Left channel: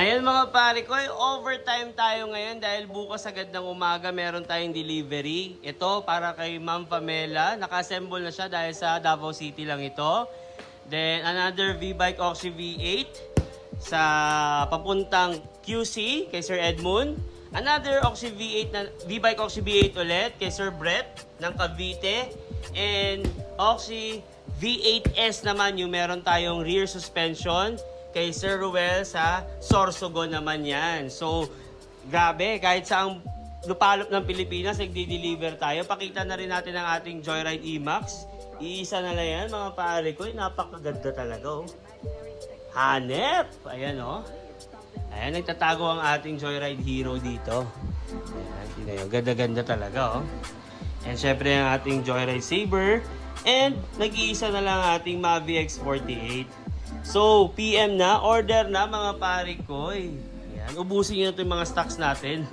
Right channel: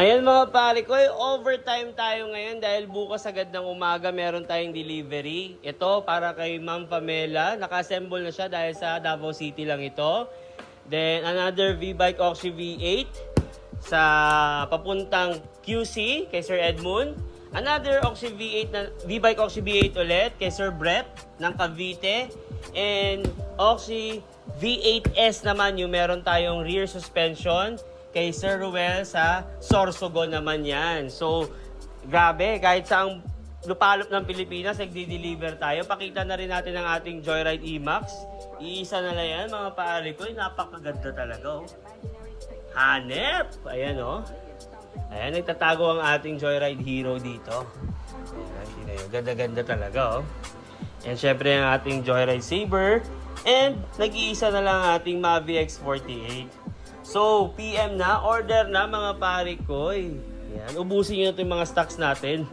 Ayan mga pare ko, overtime tayo ngayon dahil bukas agad ng umaga meron tayong delivery. Ito para kay Ma'am Pamela. Naka-assemble na siya dahil sa Davao City lang ito. Then another V-Bike Oxy V8 sa papuntang QC kay Sir Edmund. Another Oxy V8 na V-Bike Oxy V8 ulit kay Sir Brett ng Cavite. And Oxy V8S naman yung meron tayong rear suspension kay Sir Ruel sa Sorsogon naman yan. So, grabe, kahit saang lupalop ng Pilipinas, nagdi-deliver tayo. Pakita na rin natin ang ating Joyride E-Max. Iisa na lang yan, mga pare ko. Napakaganda talaga, oh. Hanep! Ayan, oh. Ayan, nagtatago ang ating Joyride Hero dito. Ayan, tinayo. Ganda-ganda talaga, oh. And syempre ang ating Joyride Saber. And nag-iisa na lang ang ating Mavi X48. So, PM na, order na mga pare ko. Yan, ubusin nyo na ito yung mga stocks natin.